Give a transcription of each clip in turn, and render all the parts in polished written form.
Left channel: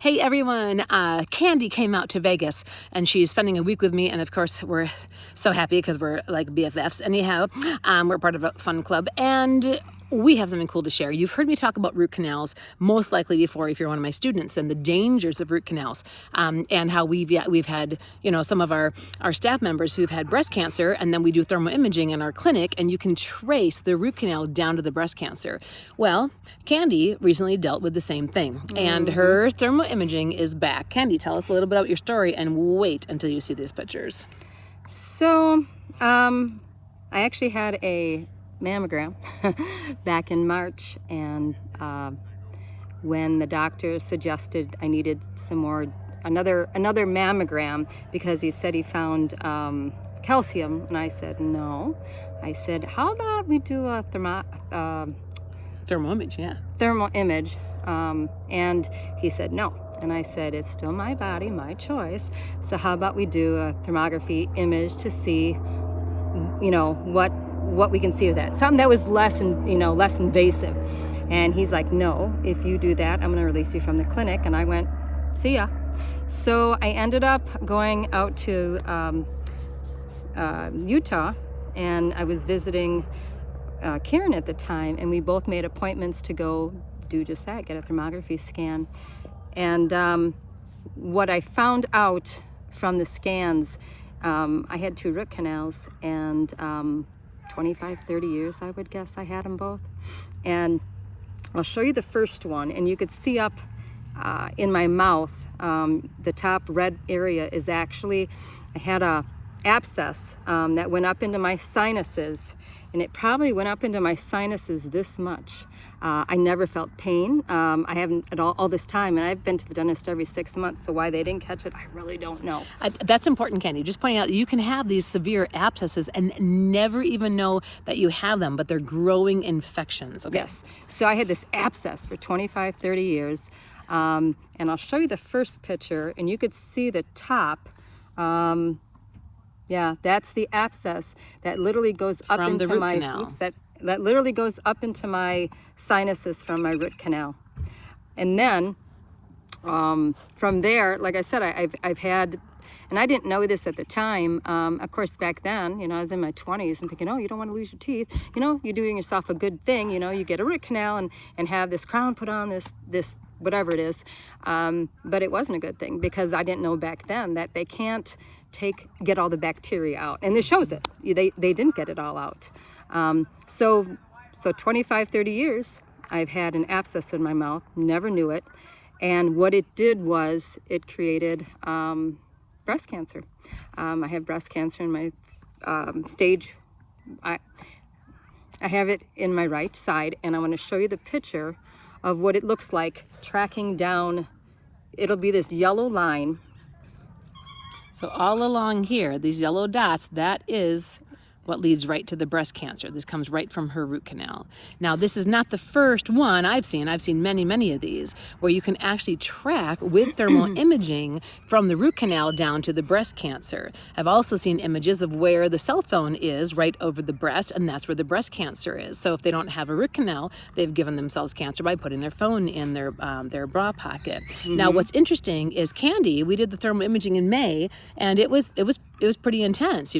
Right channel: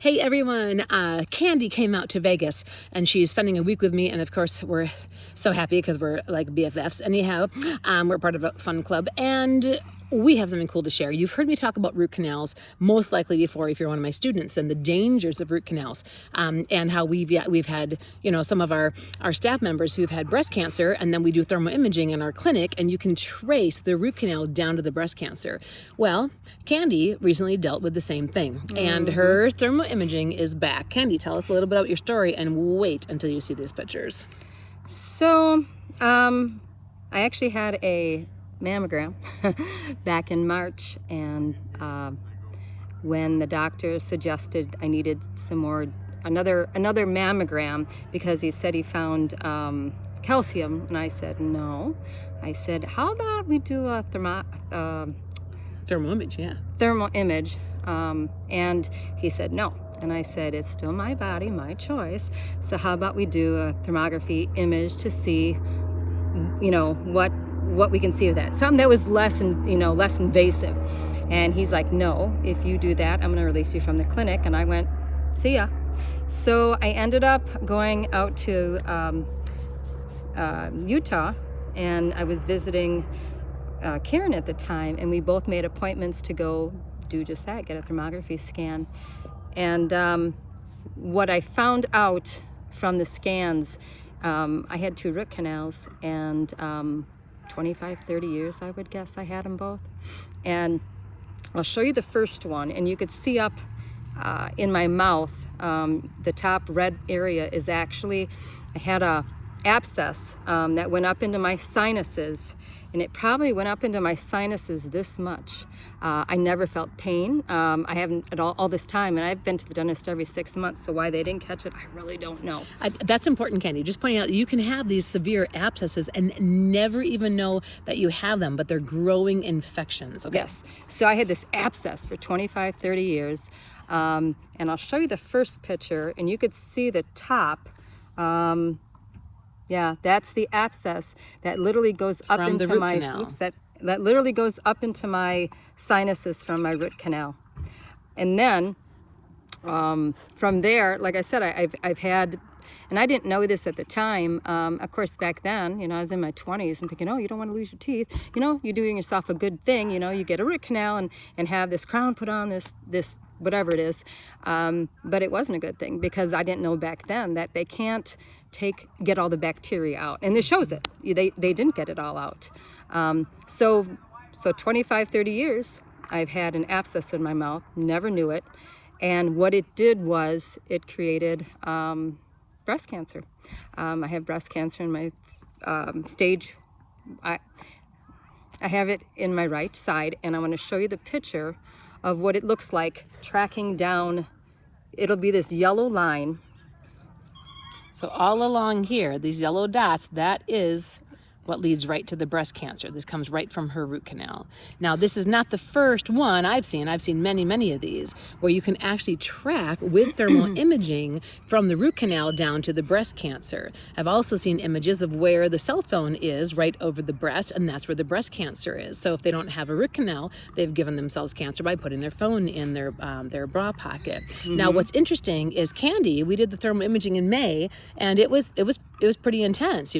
Hey everyone, Candie came out to Vegas and she's spending a week with me, and of course we're so happy because we're like BFFs. Anyhow, we're part of a fun club and we have something cool to share. You've heard me talk about root canals most likely before if you're one of my students, and the dangers of root canals, and how we've had some of our staff members who've had breast cancer, and then we do thermal imaging in our clinic and you can trace the root canal down to the breast cancer. Well, Candie recently dealt with the same thing and her thermal imaging is back. Candie, tell us a little bit about your story and wait until you see these pictures. So, I actually had a mammogram back in March, and when the doctor suggested I needed another mammogram because he said he found calcium, and I said no. I said, how about we do a thermal image, and he said no. And I said, it's still my body, my choice. So how about we do a thermography image to see, what we can see of that. Something that was less invasive. And he's like, no, if you do that, I'm going to release you from the clinic. And I went, see ya. So I ended up going out to Utah, and I was visiting Karen at the time, and we both made appointments to go do just that, get a thermography scan. And what I found out from the scans, I had 2 root canals, and 25, 30 years, I would guess I had them both. And I'll show you the first one, and you could see up in my mouth, the top red area is actually, I had a abscess that went up into my sinuses, and it probably went up into my sinuses this much. I never felt pain. I haven't at all this time, and I've been to the dentist every 6 months, so why they didn't catch it, I really don't know. That's important, Candie. Just pointing out that you can have these severe abscesses and never even know that you have them, but they're growing infections. Okay. Yes. So I had this abscess for 25, 30 years, and I'll show you the first picture, and you could see the top. Yeah, that's the abscess that literally goes up From into the root my canal. oops, that literally goes up into my sinuses from my root canal. And then from there, like I said, I've had, and I didn't know this at the time. Of course, back then, I was in my 20s and thinking, oh, you don't want to lose your teeth. You're doing yourself a good thing. You get a root canal and have this crown put on, this whatever it is. But it wasn't a good thing because I didn't know back then that they can't get all the bacteria out, and it shows it. They didn't get it all out. So 25, 30 years, I've had an abscess in my mouth, never knew it, and what it did was it created breast cancer. I have breast cancer in my stage. I have it in my right side, and I want to show you the picture of what it looks like tracking down. It'll be this yellow line. So all along here, these yellow dots, that is what leads right to the breast cancer. This comes right from her root canal. Now, this is not the first one I've seen. I've seen many, many of these where you can actually track with thermal imaging from the root canal down to the breast cancer. I've also seen images of where the cell phone is right over the breast, and that's where the breast cancer is. So if they don't have a root canal, they've given themselves cancer by putting their phone in their bra pocket. Now, what's interesting is Candie, we did the thermal imaging in May, and it was pretty intense.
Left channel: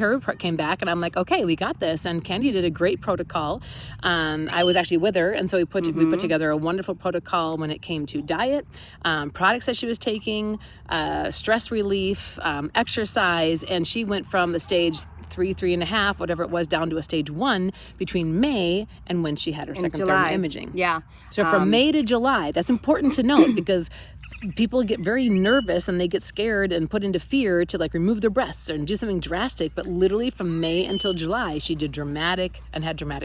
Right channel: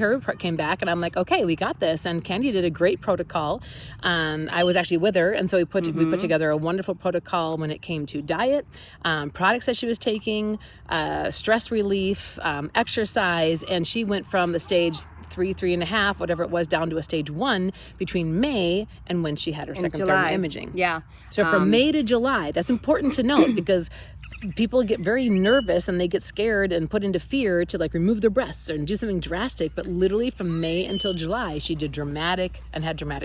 Her report came back, and I'm like, okay, we got this. And Candie did a great protocol. I was actually with her, and so we put together a wonderful protocol when it came to diet, products that she was taking, stress relief, exercise, and she went from the stage 3, 3.5, whatever it was, down to a stage 1 between May and when she had her second thermal imaging. Yeah. So from May to July, that's important to note because people get very nervous and they get scared and put into fear to remove their breasts and do something drastic. But literally from May until July, she did dramatic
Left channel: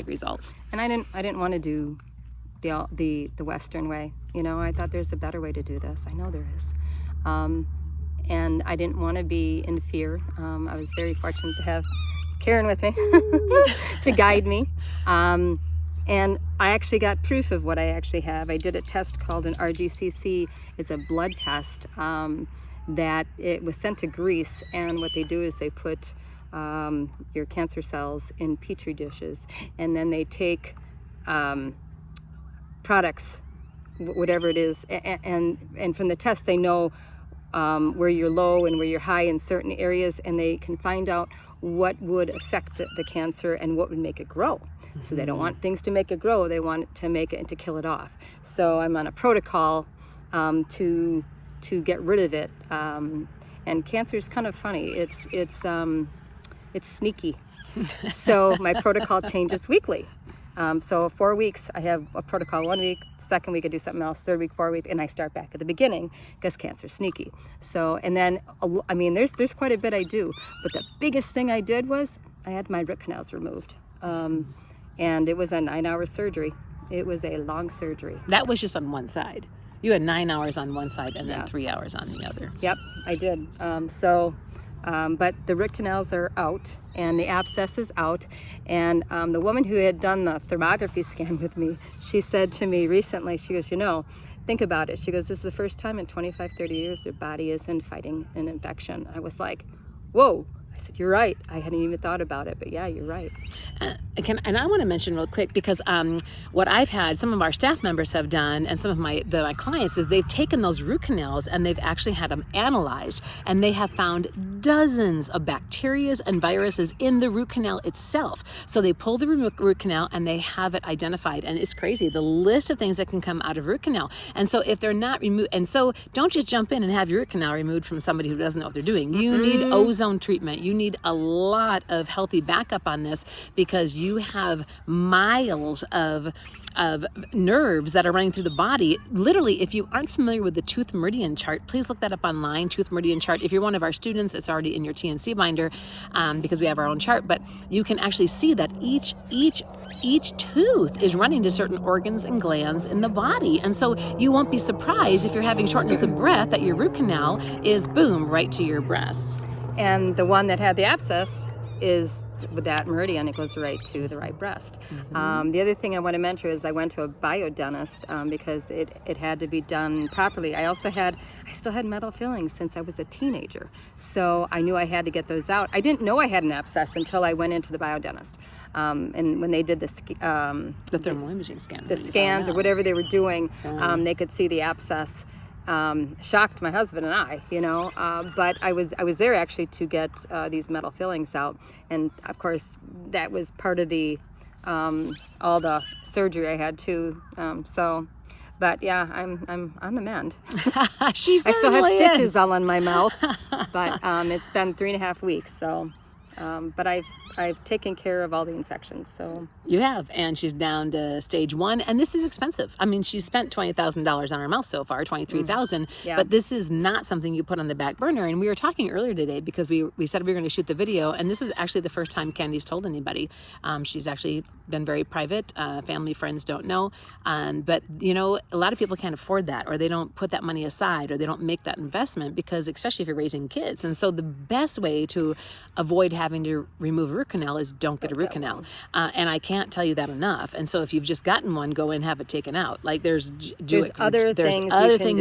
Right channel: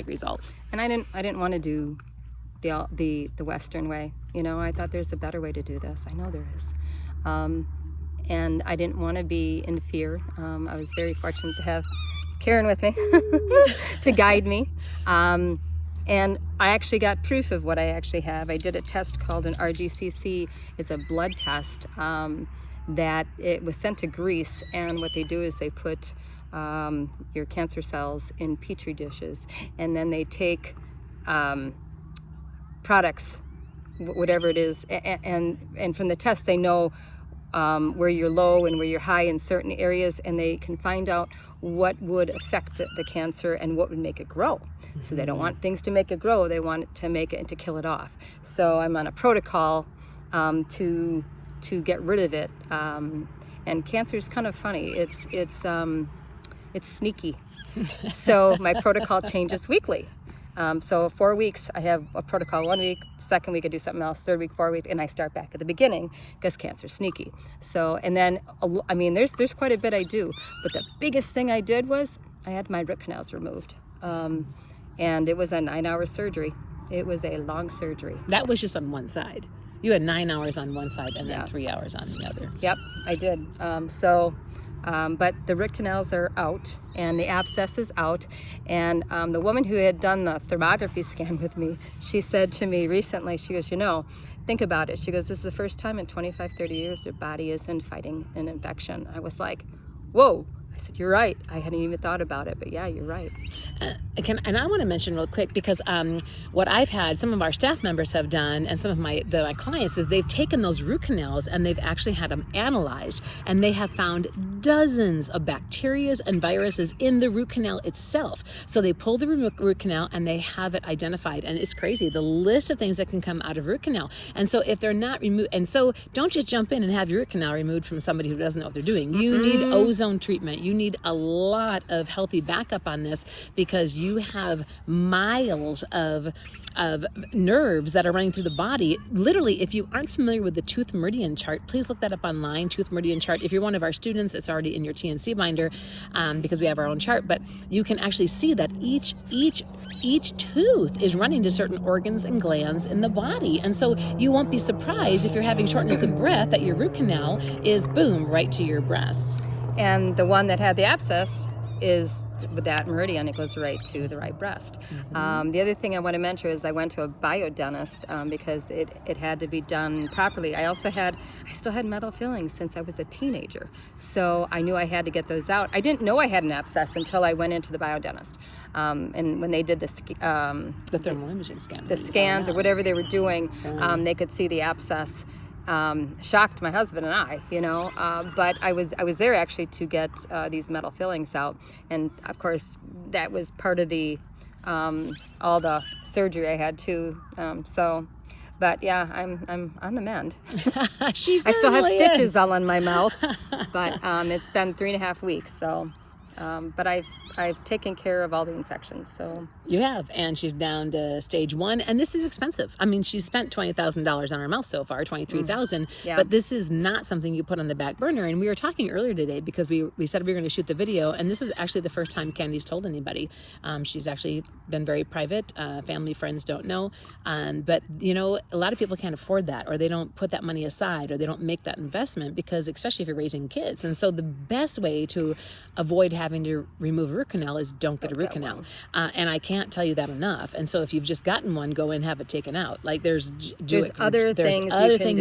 results. And I didn't want to do the Western way. I thought there's a better way to do this. I know there is. And I didn't want to be in fear. I was very fortunate to have Karen with me to guide me. And I actually got proof of what I actually have. I did a test called an RGCC. It's a blood test that it was sent to Greece. And what they do is they put your cancer cells in petri dishes, and then they take products whatever it is, and from the test they know where you're low and where you're high in certain areas, and they can find out what would affect the cancer and what would make it grow. So they don't want things to make it grow, they want it to make it and to kill it off. So I'm on a protocol to get rid of it. And cancer is kind of funny. It's sneaky. So my protocol changes weekly. So 4 weeks, I have a protocol 1 week, second week I do something else, third week, 4 week, and I start back at the beginning because cancer's sneaky. So, and then, I mean, there's quite a bit I do, but the biggest thing I did was I had my root canals removed. And it was a 9-hour surgery. It was a long surgery. That was just on one side. You had 9 hours on one side and then 3 hours on the other. Yep, I did. But the root canals are out and the abscess is out. And the woman who had done the thermography scan with me, she said to me recently, she goes, think about it. She goes, this is the first time in 25, 30 years your body isn't fighting an infection. I was like, whoa. I said, you're right. I hadn't even thought about it, but yeah, you're right. And I want to mention real quick, because what I've had, some of our staff members have done, and some of my clients, is they've taken those root canals and they've actually had them analyzed, and they have found dozens of bacteria and viruses in the root canal itself. So they pull the root canal and they have it identified, and it's crazy, the list of things that can come out of root canal. And so if they're not removed, and so don't just jump in and have your root canal removed from somebody who doesn't know what they're doing. You need ozone treatment. You need a lot of healthy backup on this, because you have miles of nerves that are running through the body. Literally, if you aren't familiar with the tooth meridian chart, please look that up online, tooth meridian chart. If you're one of our students, it's already in your TNC binder, because we have our own chart, but you can actually see that each tooth is running to certain organs and glands in the body. And so you won't be surprised if you're having shortness of breath that your root canal is, boom, right to your breasts. And the one that had the abscess is with that meridian, it goes right to the right breast. The other thing I want to mention is I went to a biodentist because it had to be done properly. I still had metal fillings since I was a teenager, so I knew I had to get those out. I didn't know I had an abscess until I went into the biodentist. And when they did the thermal imaging scan, the scans or whatever they were doing, they could see the abscess. Shocked my husband and I, but I was there actually to get these metal fillings out, and of course that was part of the all the surgery I had too. But yeah, I'm on the mend. I still have stitches all in my mouth, but it's been 3.5 weeks, so. But I've taken care of all the infections, so. You have, and she's down to stage 1, and this is expensive. I mean, she's spent $20,000 on her mouth so far, $23,000, but this is not something you put on the back burner. And we were talking earlier today because we said we were going to shoot the video, and this is actually the first time Candie's told anybody. She's actually been very private. Family, friends don't know, but a lot of people can't afford that, or they don't put that money aside, or they don't make that investment, because especially if you're raising kids. And so the best way to avoid having to remove a root canal is don't get a root canal. And I can't tell you that enough. And so if you've just gotten one, go and have it taken out. Like there's other things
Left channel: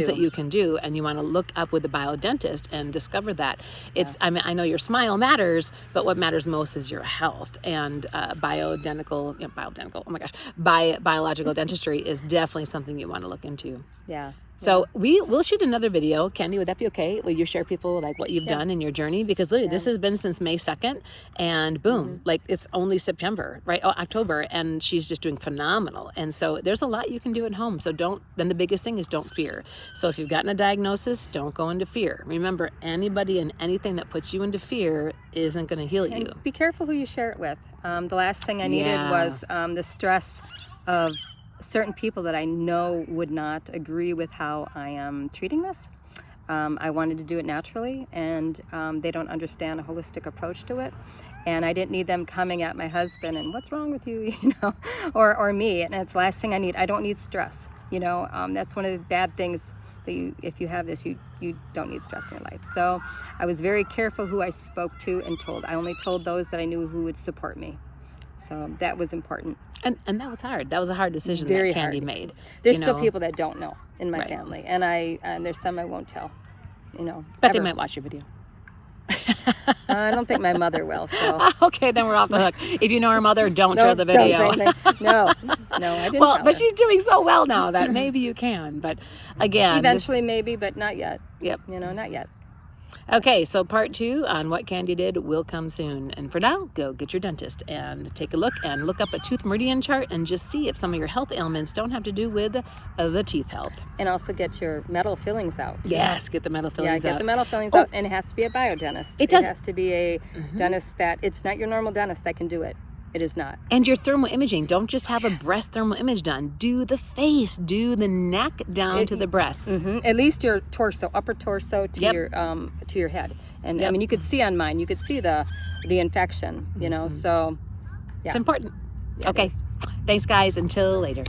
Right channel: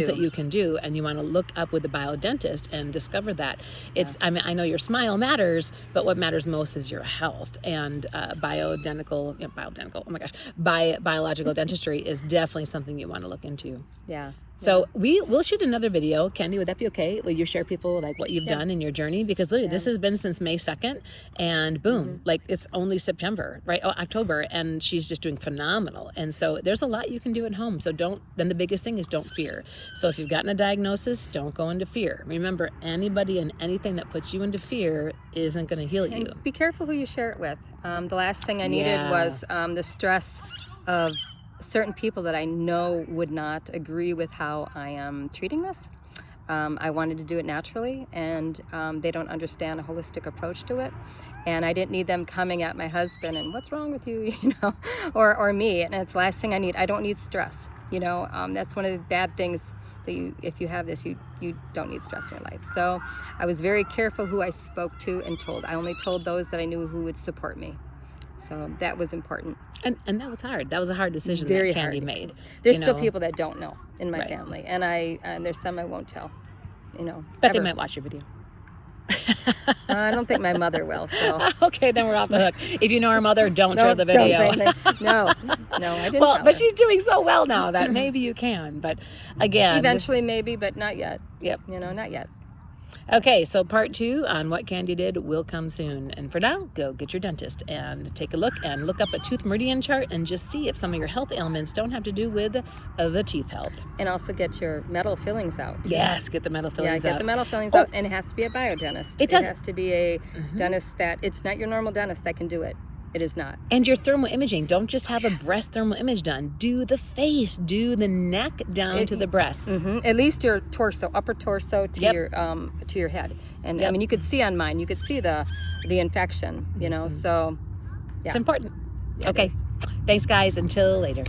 that you can do, and you want to look up with the biodentist and discover that. It's I mean, I know your smile matters, but what matters most is your health. And biological dentistry is definitely something you want to look into. Yeah. So we'll shoot another video. Candie, would that be okay? Will you share people like what you've done in your journey? Because literally this has been since May 2nd, and boom, like it's only September, right? Oh, October, and she's just doing phenomenal. And so there's a lot you can do at home. So then the biggest thing is don't fear. So if you've gotten a diagnosis, don't go into fear. Remember, anybody and anything that puts you into fear isn't going to heal you. Be careful who you share it with. The last thing I needed was the stress of certain people that I know would not agree with how I am treating this. I wanted to do it naturally, and they don't understand a holistic approach to it. And I didn't need them coming at my husband and what's wrong with you, or me. And it's the last thing I need. I don't need stress. That's one of the bad things that if you have this, you don't need stress in your life. So I was very careful who I spoke to and told. I only told those that I knew who would support me. So that was important. And that was hard. That was a hard decision Very that Candie hard. made. There's still people that don't know in my family, and there's some I won't tell. But they might watch your video. I don't think my mother will. So Okay, then we're off the hook. If you know her mother, don't no, share the don't video. say anything. No, I didn't. Well, tell but her. she's doing so well now that maybe you can. But again, Eventually, maybe, but not yet. Yep. Not yet. Okay, so part 2 on what Candie did will come soon. And for now, go get your dentist and take a look and look up a tooth meridian chart and just see if some of your health ailments don't have to do with the teeth health. And also get your metal fillings out. Yes, get the metal fillings Yeah, out. get the metal fillings out, and it has to be a biodentist. It does. It has to be a dentist that, it's not your normal dentist that can do it. It is not. And your thermal imaging, don't just have a breast thermal image done. Do the face, do the neck down to the breasts. At least your torso, upper torso to Yep. your head. And I Yep. mean, you could see on mine, you could see the infection. So yeah. It's important. Yeah, it Okay, is. thanks guys. Until later.